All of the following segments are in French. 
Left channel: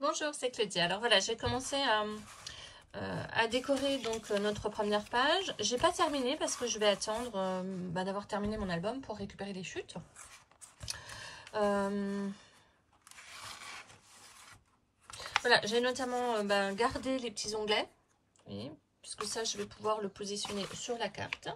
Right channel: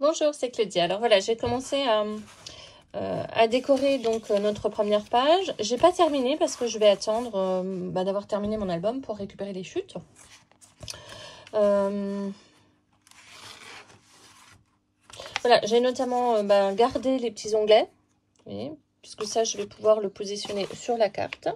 Bonjour, c'est Claudia. Alors voilà, j'ai commencé à décorer donc notre première page. J'ai pas terminé parce que je vais attendre d'avoir terminé mon album pour récupérer les chutes. Voilà, j'ai notamment gardé les petits onglets, voyez, puisque ça, je vais pouvoir le positionner sur la carte.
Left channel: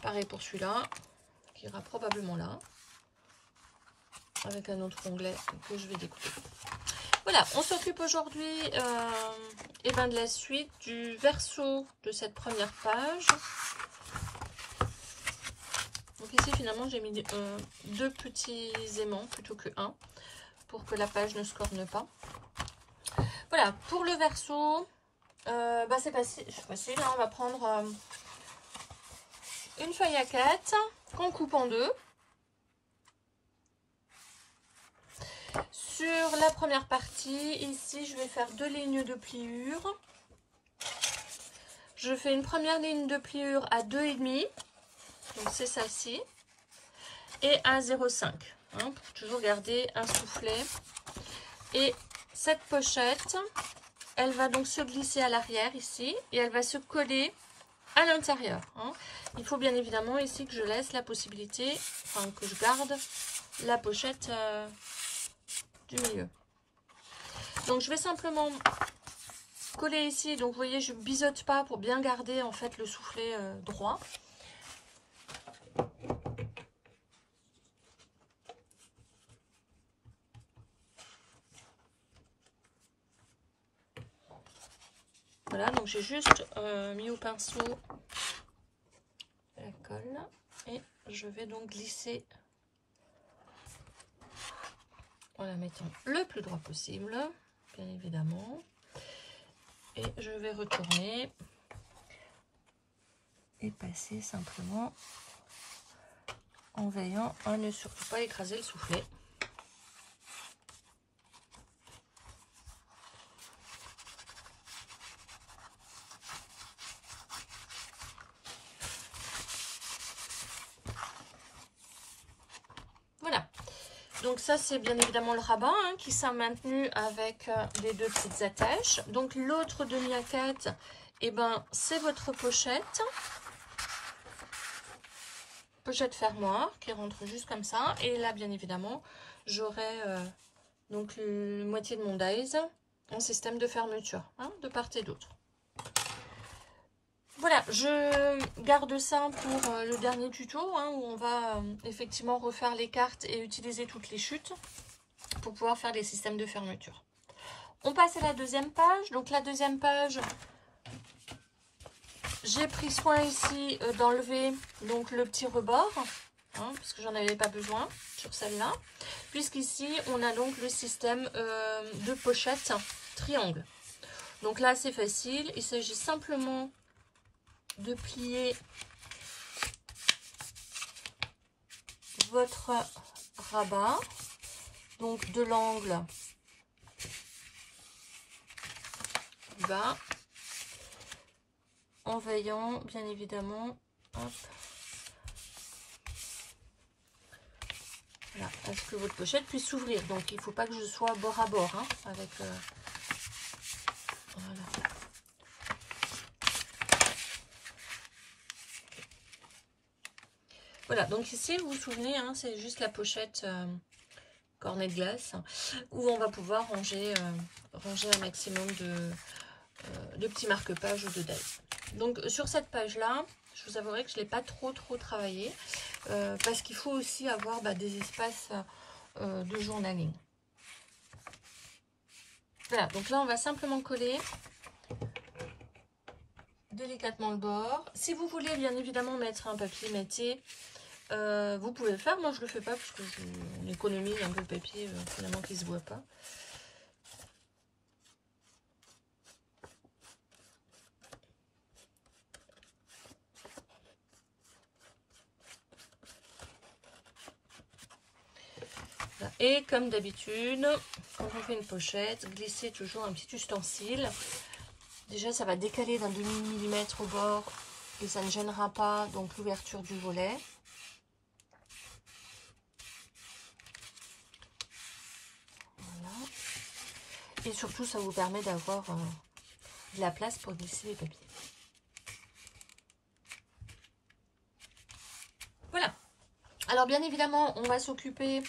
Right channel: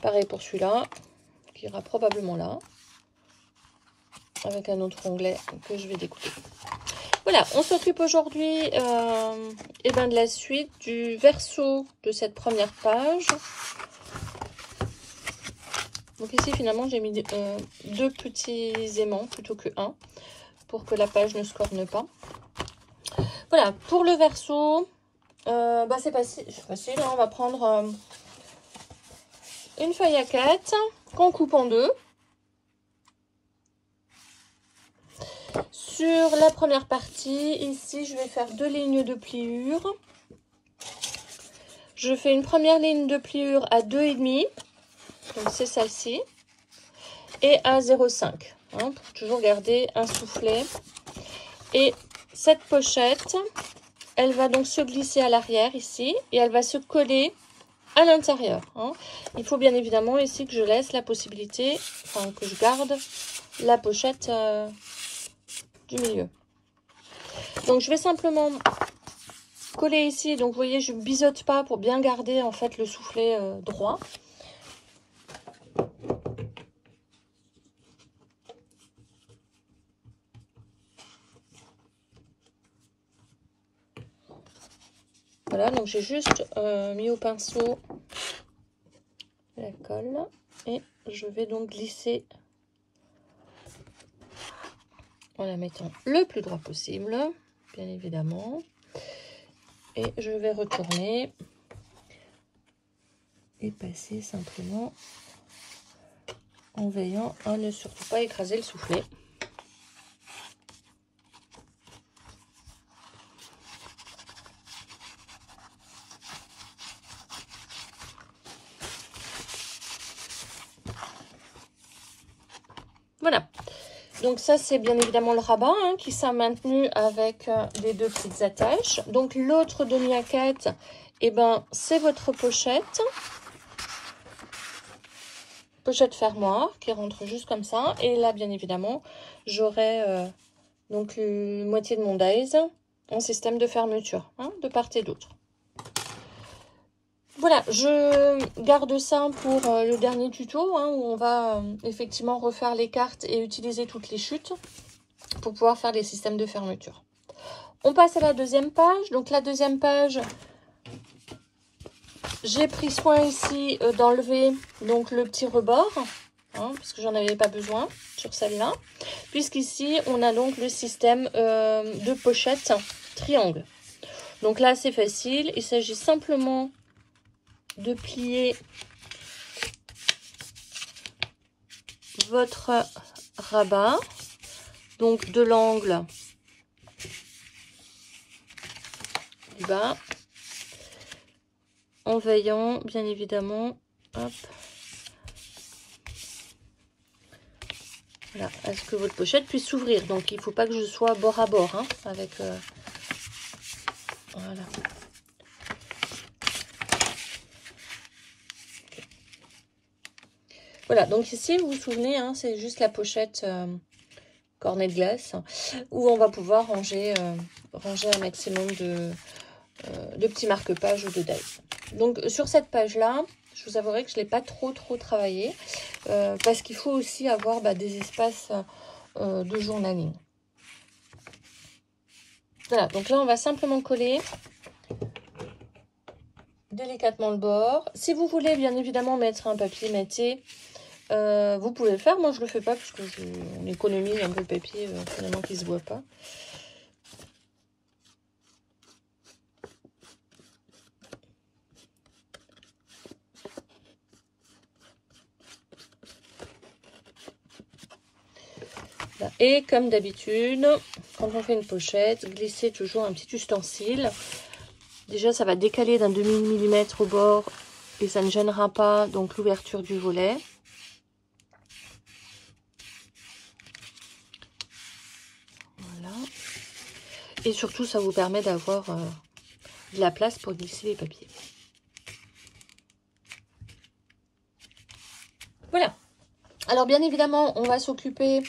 Pareil pour celui-là, qui ira probablement là, avec un autre onglet que je vais découper. Voilà, on s'occupe aujourd'hui de la suite du verso de cette première page. Donc ici, finalement, j'ai mis deux petits aimants plutôt que un, pour que la page ne se corne pas. Voilà, pour le verso, c'est facile. Hein, on va prendre une feuille à 4 qu'on coupe en deux. Sur la première partie, ici, je vais faire 2 lignes de pliure. Je fais une première ligne de pliure à 2,5, donc c'est celle-ci, et à 0,5, hein, pour toujours garder un soufflet. Et cette pochette, elle va donc se glisser à l'arrière ici, et elle va se coller à l'intérieur. Hein. Il faut bien évidemment ici que je laisse la possibilité, enfin que je garde la pochette du milieu. Donc je vais simplement coller ici, donc vous voyez je biseaute pas pour bien garder en fait le soufflet droit. Voilà, donc j'ai juste mis au pinceau la colle et je vais donc glisser en la mettant le plus droit possible, bien évidemment. Et je vais retourner et passer simplement en veillant à ne surtout pas écraser le soufflet. Voilà. Donc ça, c'est bien évidemment le rabat hein, qui s'est maintenu avec les deux petites attaches. Donc l'autre demi-haquette, c'est votre pochette. Pochette fermoir qui rentre juste comme ça. Et là, bien évidemment, j'aurai donc une moitié de mon dies en système de fermeture, hein, de part et d'autre. Voilà, je garde ça pour le dernier tuto hein, où on va effectivement refaire les cartes et utiliser toutes les chutes pour pouvoir faire les systèmes de fermeture. On passe à la deuxième page. Donc la deuxième page, j'ai pris soin ici d'enlever donc le petit rebord, hein, parce que j'en avais pas besoin sur celle-là, puisqu'ici on a donc le système de pochette triangle. Donc là c'est facile, il s'agit simplement de plier votre rabat, donc de l'angle du bas, en veillant bien évidemment hop, voilà, à ce que votre pochette puisse s'ouvrir. Donc il ne faut pas que je sois bord à bord hein, avec voilà. Voilà, donc ici, vous vous souvenez, hein, c'est juste la pochette cornet de glace où on va pouvoir ranger un maximum de petits marque-pages ou de dies. Donc sur cette page-là, je vous avouerai que je ne l'ai pas trop travaillé parce qu'il faut aussi avoir des espaces de journaling. Voilà, donc là, on va simplement coller délicatement le bord. Si vous voulez, bien évidemment, mettre un papier matté, vous pouvez le faire. Moi, je le fais pas parce que on économise un peu le papier finalement qui se voit pas. Et comme d'habitude, quand on fait une pochette, glissez toujours un petit ustensile. Déjà, ça va décaler d'un demi-millimètre au bord et ça ne gênera pas donc l'ouverture du volet. Et surtout, ça vous permet d'avoir de la place pour glisser les papiers. Voilà. Alors bien évidemment, on va s'occuper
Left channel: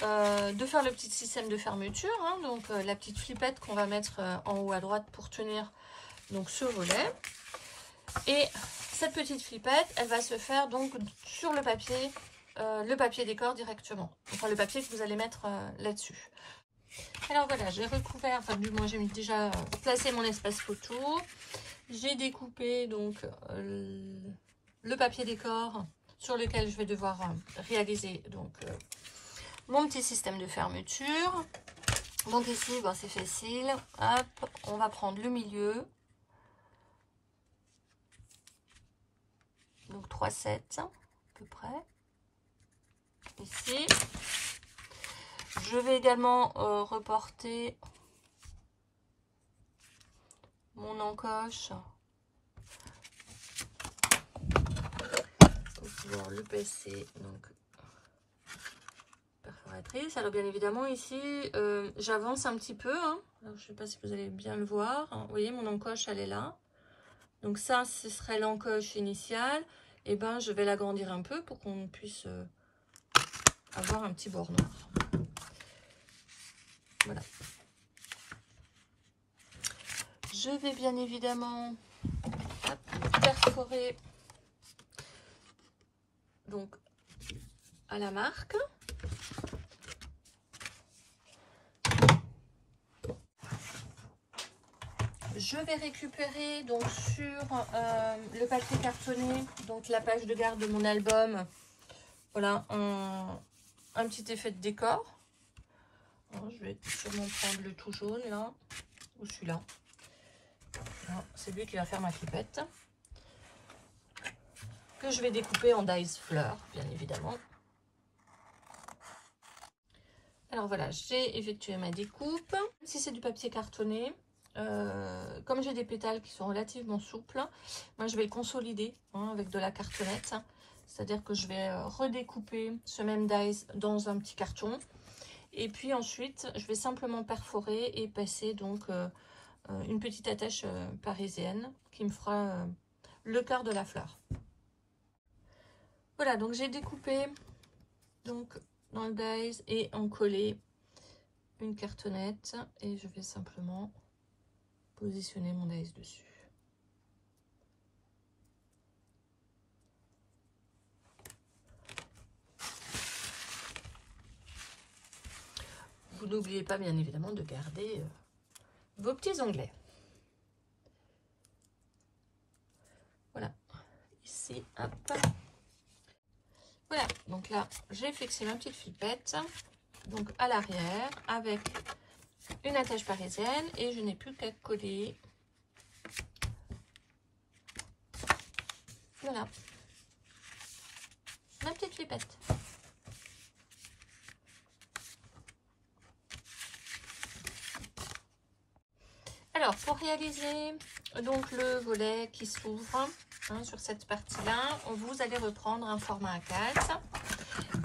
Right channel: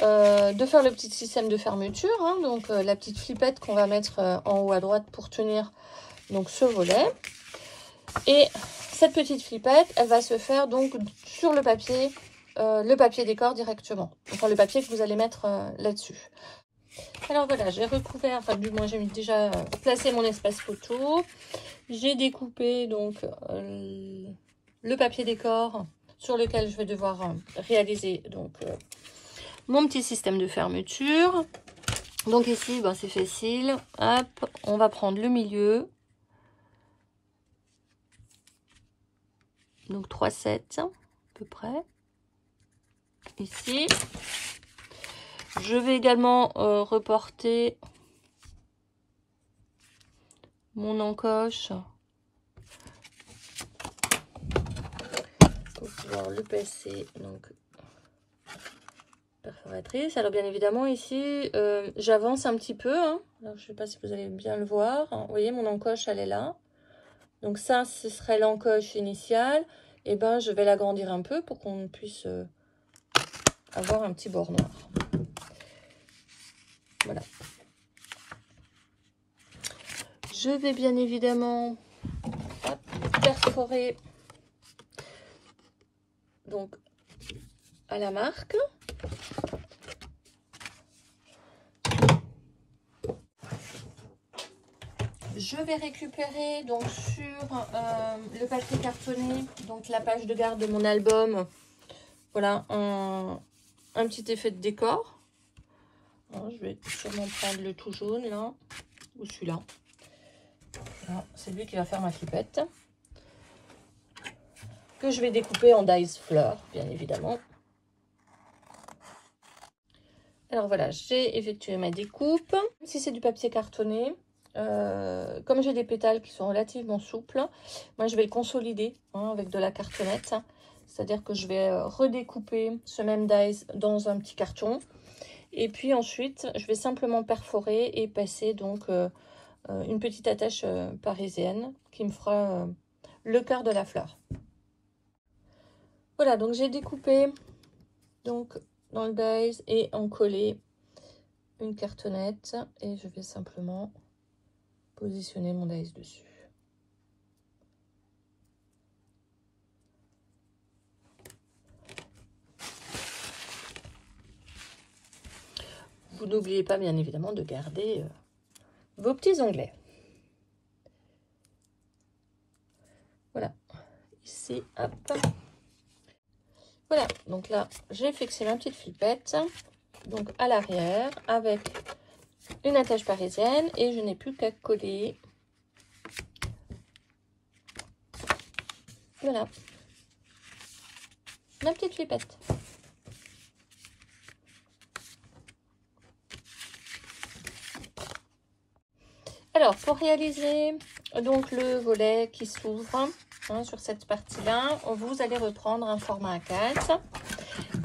de faire le petit système de fermeture. Hein, donc la petite flippette qu'on va mettre en haut à droite pour tenir donc ce volet. Et cette petite flippette, elle va se faire donc sur le papier décor directement. Enfin le papier que vous allez mettre là-dessus. Alors voilà, j'ai recouvert, enfin du moins j'ai déjà placé mon espace photo. J'ai découpé donc le papier décor sur lequel je vais devoir réaliser donc mon petit système de fermeture. Donc ici, ben, c'est facile. Hop, on va prendre le milieu. Donc 3,7 à peu près. Ici. Je vais également reporter mon encoche pour pouvoir le passer donc perforatrice. Alors bien évidemment ici j'avance un petit peu, hein. Alors, je ne sais pas si vous allez bien le voir, hein. Vous voyez mon encoche elle est là, donc ça ce serait l'encoche initiale, et ben je vais l'agrandir un peu pour qu'on puisse avoir un petit bord noir. Voilà. Je vais bien évidemment perforer donc à la marque. Je vais récupérer donc sur le papier cartonné, donc la page de garde de mon album, voilà un petit effet de décor. Alors, je vais sûrement prendre le tout jaune là, ou celui-là. C'est lui qui va faire ma flippette. Que je vais découper en dies fleurs, bien évidemment. Alors voilà, j'ai effectué ma découpe. Si c'est du papier cartonné, comme j'ai des pétales qui sont relativement souples, moi je vais le consolider hein, avec de la cartonnette. C'est-à-dire que je vais redécouper ce même dies dans un petit carton. Et puis ensuite, je vais simplement perforer et passer donc une petite attache parisienne qui me fera le cœur de la fleur. Voilà, donc j'ai découpé donc dans le dies et encollé une cartonnette et je vais simplement positionner mon dies dessus. Vous n'oubliez pas bien évidemment de garder vos petits onglets. Voilà, ici, hop. Voilà, donc là, j'ai fixé ma petite flippette, donc à l'arrière, avec une attache parisienne, et je n'ai plus qu'à coller. Voilà, ma petite flippette. Alors, pour réaliser donc le volet qui s'ouvre hein, sur cette partie-là, vous allez reprendre un format A4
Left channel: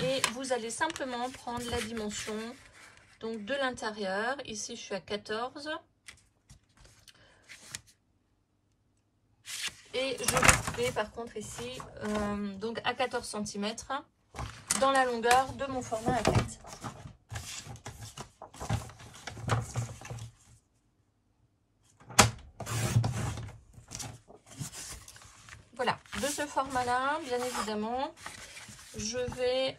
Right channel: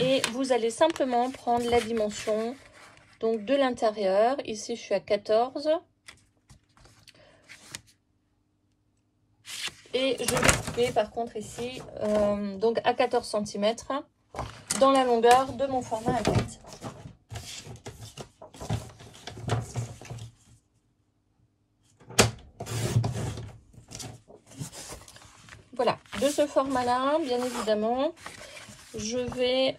et vous allez simplement prendre la dimension donc de l'intérieur. Ici, je suis à 14 et je vais couper par contre ici donc à 14 cm dans la longueur de mon format A4. Voilà, de ce format-là, bien évidemment, je vais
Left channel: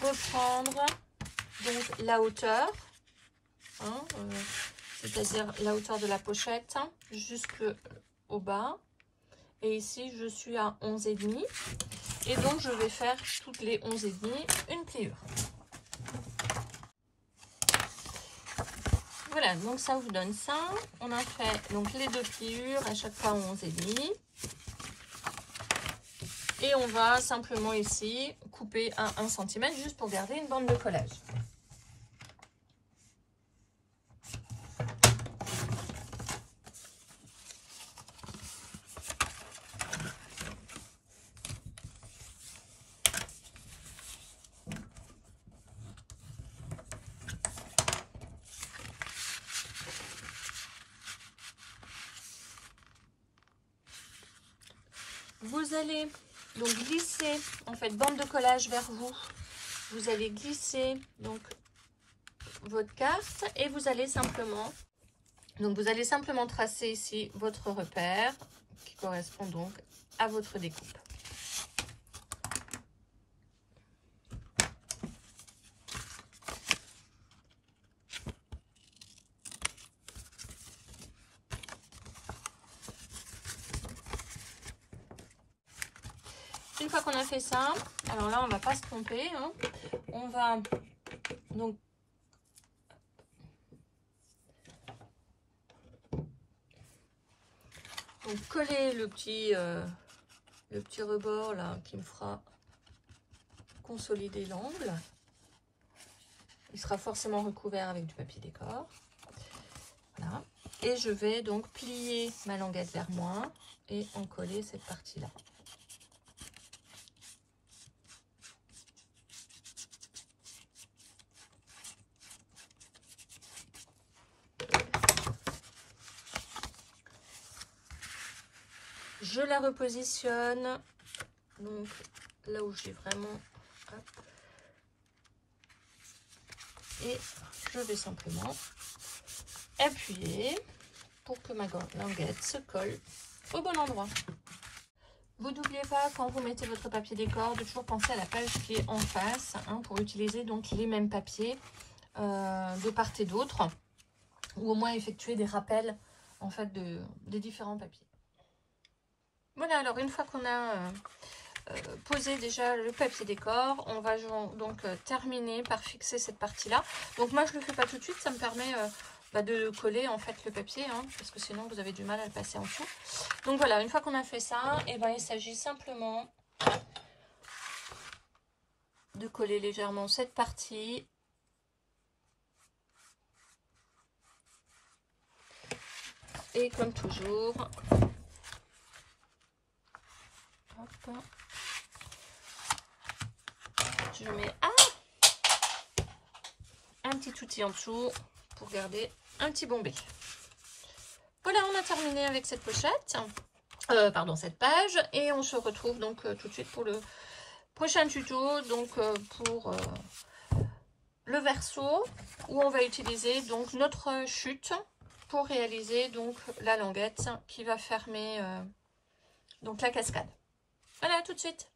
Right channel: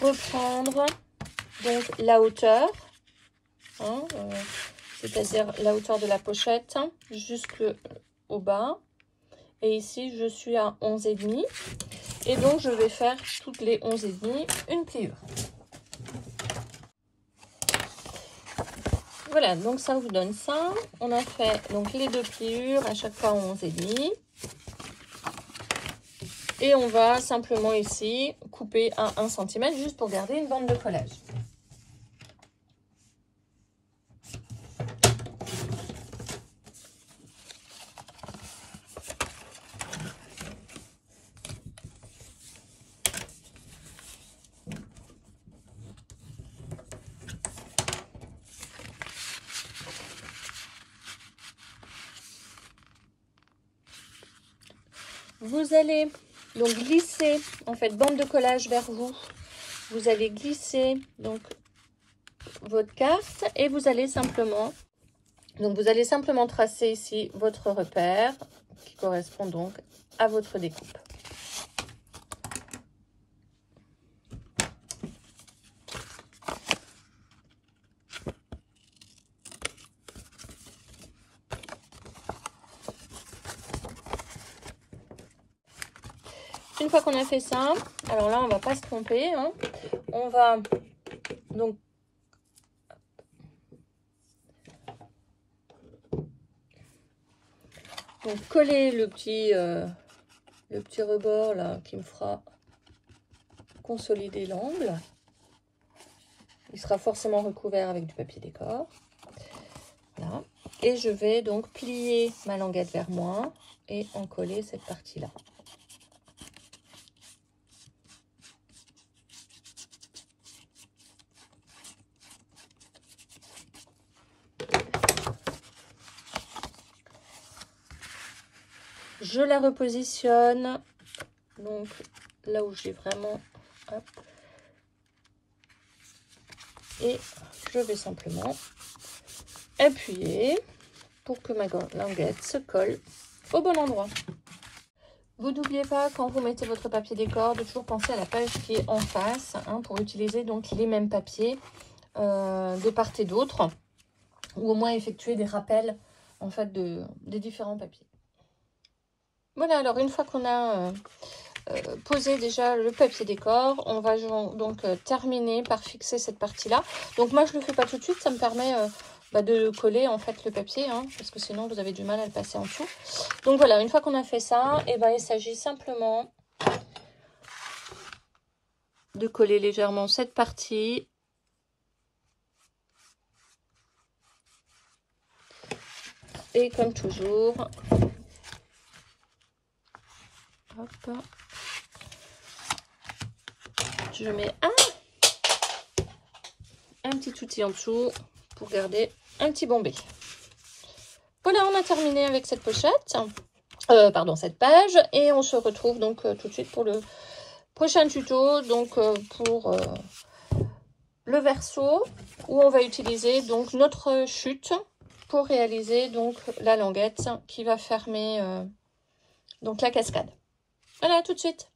reprendre donc la hauteur, hein, c'est-à-dire la hauteur de la pochette jusqu'au bas. Et ici, je suis à 11,5. Et donc, je vais faire toutes les 11,5 une pliure. Voilà, donc ça vous donne ça. On a fait donc les deux pliures à chaque fois 11,5. Et on va simplement ici couper à 1 cm juste pour garder une bande de collage. Vous allez donc glisser, en fait, bande de collage vers vous. Vous allez glisser donc votre carte et vous allez simplement tracer ici votre repère qui correspond donc à votre découpe. Une fois qu'on a fait ça, alors là on va pas se tromper, hein, on va donc coller le petit rebord là qui me fera consolider l'angle. Il sera forcément recouvert avec du papier décor. Là. Et je vais donc plier ma languette vers moi et en coller cette partie là. Je la repositionne donc là où j'ai vraiment, hop, et je vais simplement appuyer pour que ma languette se colle au bon endroit. Vous n'oubliez pas, quand vous mettez votre papier décor, de toujours penser à la page qui est en face, hein, pour utiliser donc les mêmes papiers de part et d'autre, ou au moins effectuer des rappels en fait des différents papiers. Voilà, alors une fois qu'on a posé déjà le papier décor, on va donc terminer par fixer cette partie-là. Donc moi, je ne le fais pas tout de suite, ça me permet de coller en fait le papier, hein, parce que sinon vous avez du mal à le passer en dessous. Donc voilà, une fois qu'on a fait ça, et il s'agit simplement de coller légèrement cette partie. Et comme toujours, hop, je mets un petit outil en dessous pour garder un petit bombé. Voilà, on a terminé avec cette pochette, cette page, et on se retrouve donc tout de suite pour le prochain tuto, donc pour le verso, où on va utiliser donc notre chute pour réaliser donc la languette qui va fermer donc la cascade. Voilà, à tout de suite.